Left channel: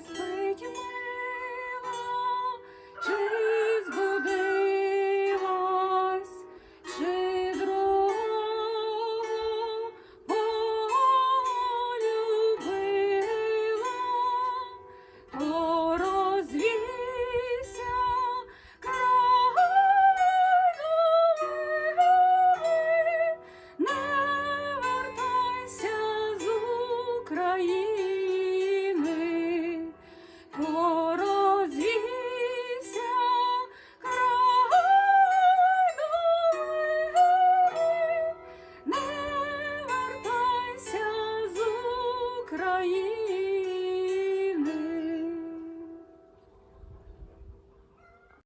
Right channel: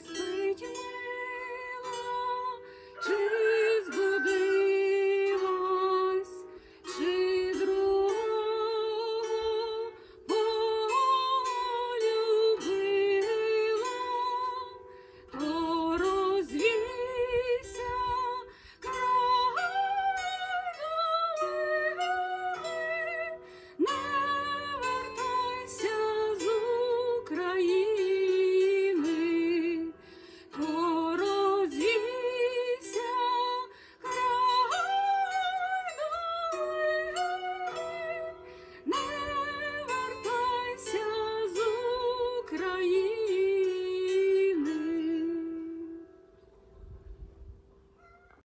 please.